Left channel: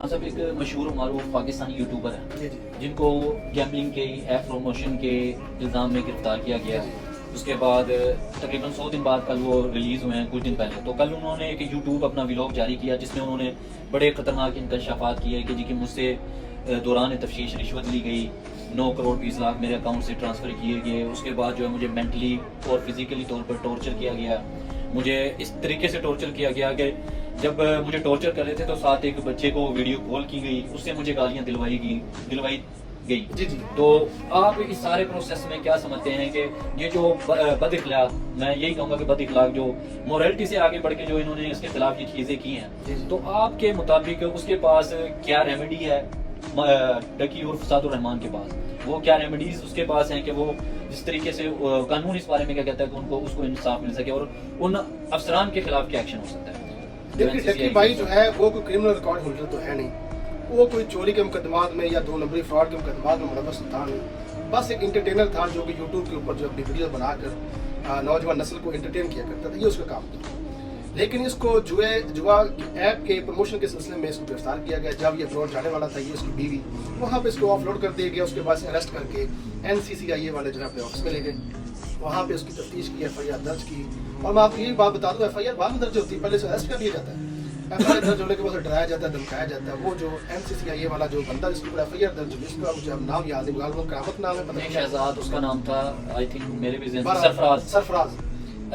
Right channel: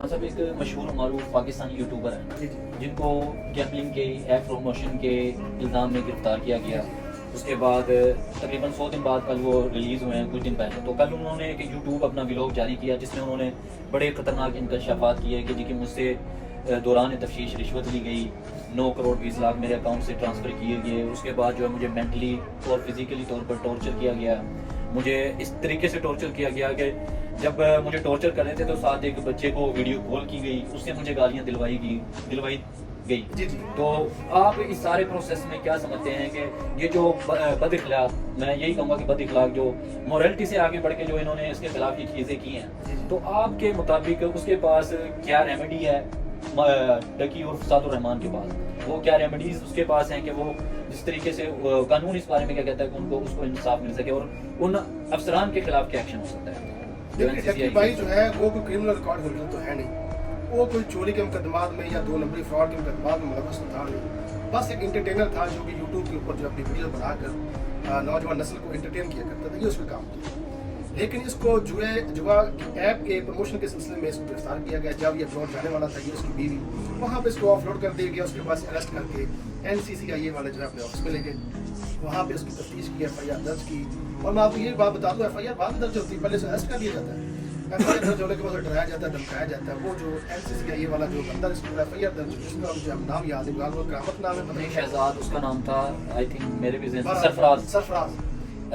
صاحب ایک مشہور و معروف پاکستانی یوٹیوبر ہیں جن کو گیمبلنگ کے ایپ پروموشن کے الزام میں گرفتار کیا گیا. اس کے بعد تقریباً 100 دن بعد کل وہ ریلیز ہوئے ہیں کچھ دن پہلے. تو کل انہوں نے ایک یوٹیوب اپنا ولاگ جاری کیا جس میں انہوں نے بڑے خطرناک انکشافات کیے کہ جی کہ مجھ سے دوران تفتیش رشوت لی گئی, 9 کروڑ 20 لاکھ میرے اکاؤنٹ سے ٹرانسفر کیے گئے. اس کے بعد جو ہے مجھے مینٹلی اور فزیکلی طور پر ٹارچر کیا گیا. مجھے اس طریقے سے ٹارچر کیا گیا کہ جب مجھے ٹارچر کر رہے تھے تو ساتھ ایک بچے کو ویڈیو کال کی گئی, اس سے مجھے گالیاں دلوائی گئی. تو آپ اس سارے پروسیس میں کیا سمجھتے ہیں کہ یہ جو بد اخلاق, میں یہی کہوں گا کہ بد اخلاق جو مورالٹی سے آگے بڑھ کے جو انہوں نے اس کے خلاف یہ چیزیں کی ہیں, تو آپ کے مطابق اس کے پاس کیا ریمیڈی ہے؟ ڈکی اور فساد الرحمان کے پاس وہ کیا ریمیڈیز اس کے پاس ہیں کہ وہ جس طریقے سے قانون اس بارے میں کیا کہتا ہے کہ ان کو اس کو انصاف مل سکے اور ان افسران کے خلاف کیا ایکشن ہو سکتا ہے؟ دیکھیے ڈکی بھائی جو ہے وہ کوئی کرمنل ریکارڈ ہولڈر تو ہے نہیں, وہ کوئی چوری کے مقدمات میں یا 2 نمبری فراڈ کے مقدمات میں ملوث تھا نہیں. بس ایک انٹرٹینر تھا جو کہ یوٹیوب کے اوپر جو اپنی ویڈیو بنا کر نوجوان نسل کو انٹرٹین کیا کرتا تھا, یہ اس کا کام تھا. لیکن اس کو جوا ایپ کے پروموشن کے سلسلے میں اس کو گرفتار کیا گیا. جب یہ اپلوڈ جانے والا تھا, یہ اس کی بیوی, وہاں پہ اس کو آف لوڈ کر دیا گیا. اس کے بعد اریسٹ کر کے NCCIA والے جو ہے اپنے آفس میں لے گئے. وہاں پہ اس کی تفتیش کی, FIR درج کی. اور میں آپ کو یہ بات بتا دوں, FIR بعد میں درج ہوتی ہے, پہلے سے اریسٹ کر دیا جاتا ہے. FIR درج ہونے کے بعد ڈرایا جاتا ہے, دھمکایا جاتا ہے. وہ جو NCCIA والا جو بندہ جس پر FIR درج ہوئی, اس کا مجھے نام یاد ہے, غالباً کرامت نام ہے, شہزاد اس کا نام تھا, آئی تھنک میرے بھی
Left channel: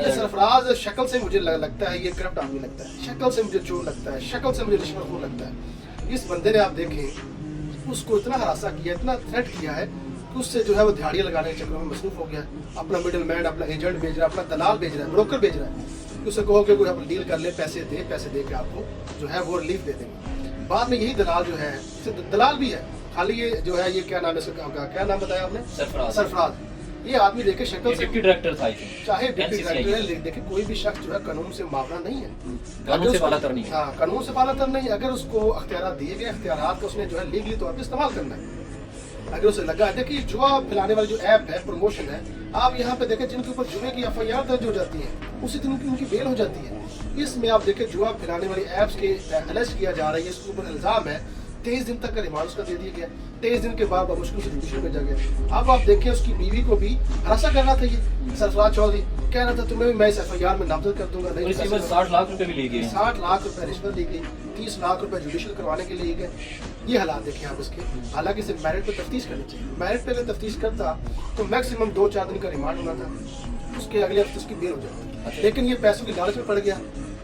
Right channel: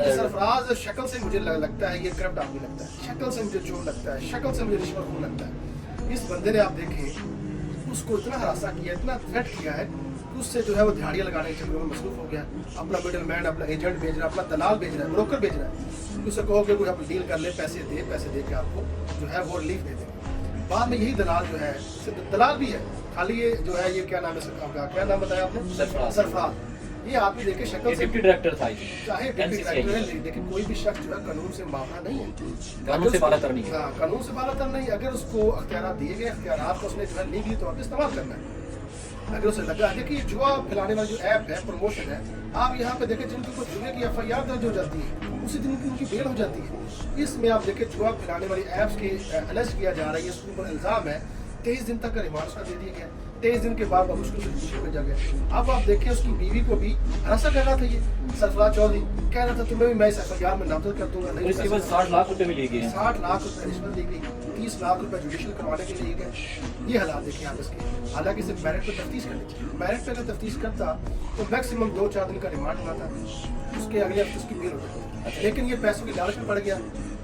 سرفراز. شکل سے مجھے لگتا ہے یہ کرپٹ آدمی لگتا ہے, شکل سے مجھے چور لگتا ہے, شکل سے مجھے رشوت خور لگتا ہے. اس بندے نے آپ دیکھیں اس کو اتنا ہراساں کیا, اتنا تھریٹ کیا ہے کہ اس سے جو ہے وہ دہاڑیاں لگانے کے چکر میں مصروف ہو گیا. اپنا مڈل مین, اپنا ایجنٹ بھیج رہا ہے, اپنا دلال بھیج رہا ہے, بروکر بھیج رہا ہے. اسے کہو کہ کوئی آپ ڈیل کر لے, پیسے دے کے آپ کو جو ہے وہ ریلیف دے دیں. بعد میں یہی دلال جو ہے, دلال بھی ہے خالی, یہ جو ہے یہ کیا نام ہے, کیا نام بتایا آپ نے؟ سرفراز. یہ آدمی دیکھے شکل سے ڈائریکٹر تھا, چاہے ڈپٹی ڈائریکٹر ہے, لیکن کوئی بھی شخص جو ہے قانون سے معافی نہیں ہے, قانون سے بالا تر نہیں ہے. ہاں, قانون سے بالا تر نہیں. اگر اس کو اختیارات دیے گئے, اختیارات کو اس نے جو ہے لیگلی طور پہ استعمال کرنا ہے. اگر اسے لگا, دیکھیے جوا پھیلانے والی جو ایپ ہے, پروموشن ہے, آپ یہاں پہ دیکھیں جن کے اوپر جوے کی FIR درج ہو جاتی ہے, اسی دن ان کی بیل ہو جاتی ہے. اس میں آپ دیکھیں جوا پھیلانے والی ایپس کے الرج کیا جا رہا ہے, اس کے اوپر الزام ہے. 23 دن تک کا ریمانڈ اس کا دے دیا گیا. 23 دن کے بعد مشکل سے جوڈیشل بھیجا گیا. اب آپ دیکھیں اس کی بیوی کو بھی ہراساں کر رہا تھا, یہ سرفراز چودھری کہہ رہا تھا تمہیں بھی میں اس FIR میں نامزد کر دوں گا. 60 لاکھ روپے بھی لے گئے, 60 لاکھ روپے رشوت لی گئی, 30 لاکھ روپے جوڈیشل کروانے کے لیے گئے. یہ حالات دیکھیں آپ اس کے. حالانکہ صرف میرٹ پہ تفتیش کرنی چاہیے. میرٹ پہ اگر تفتیش کرتا تو میکسیمم 2-4 دن کا ریمانڈ ہونا تھا, اس کے اگلے ہفتے اس کی بیل ہو جاتی. لیکن یہ پیسوں کی لالچ میں پڑ گیا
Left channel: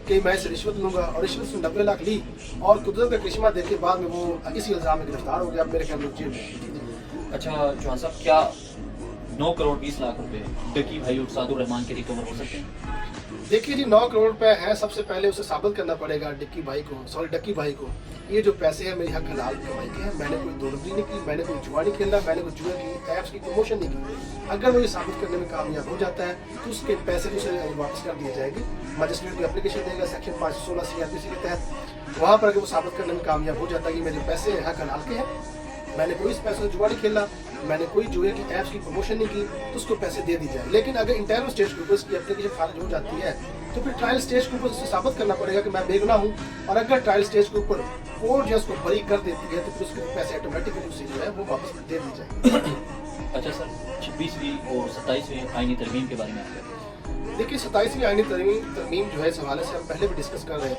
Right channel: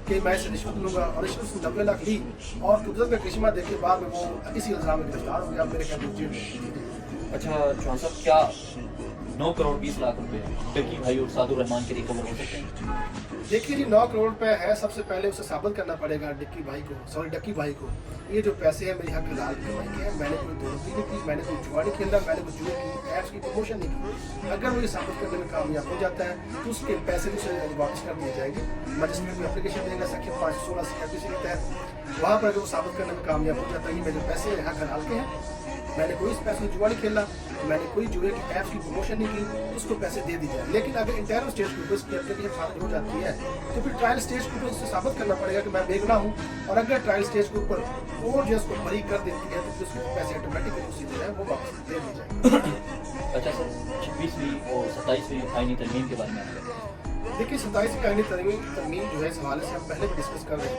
کہ میں اسے رشوت لوں گا, اور رشوت سے 90 لاکھ لی اور قدرت کا کرشمہ دیکھ کے بعد میں وہ اسی الزام میں گرفتار ہو گیا. میرے خیال میں جیل میں. اچھا چوہان صاحب, کیا 9 کروڑ 20 لاکھ روپے ڈکی بھائی اور سعد الرحمان کے ریکور ہو سکتے ہیں؟ دیکھیے جی, 9 کروڑ روپے ہے, سب سے پہلے اسے ثابت کرنا پڑے گا ڈکی بھائی کو, یہ جو پیسے ہیں میری حق حلال کمائی کے ہیں, میں نے کوئی دوڑبری نہیں کی, میں نے کوئی جوا نہیں کھیلا, میں نے کوئی جوا کی ایپس کی پروموشن نہیں کی. اگر وہ یہ ثابت کرنے میں کامیاب ہو جاتا ہے تو اس کے پیسے اسے واپس کر دیے جائیں گے. مجسٹریٹ کو اپلیکیشن دے گا سیکشن 516 CRPC کے تحت. وہاں پر اگر وہ ثابت کرنے میں کامیاب ہو جاتا ہے کہ میرے پیسے حق حلال کے ہیں, میں نے کوئی اس پیسے جوا نہیں کھیلا, میں نے کوئی جوئے کی ایپس کی پروموشن نہیں کی, تو اس کو پیسے دے دی جائے. لیکن اگر انٹرنل اسٹیج کے اوپر اس کی اپلیکیشن خارج ہو جاتی ہے تو پھر ٹرائل اسٹیج کے اوپر اسے ثابت کرنا پڑے گا کہ میں بے گناہ ہوں. اور اگر ٹرائل اسٹیج کے اوپر کورٹ جو اس کو بری کر دیتی ہے تو پھر اس کو پیسے آٹومیٹکلی اسی جو ہے وہ واپس دے دی جائے. اچھا سر, 26ویں اور 27ویں آئینی ترمیم کے بارے میں آپ کہتے ہیں؟ دیکھیے 27ویں آئینی ترمیم جو ہے اس حوالے سے ہم پہلے بھی ڈسکس کر رہے ہیں.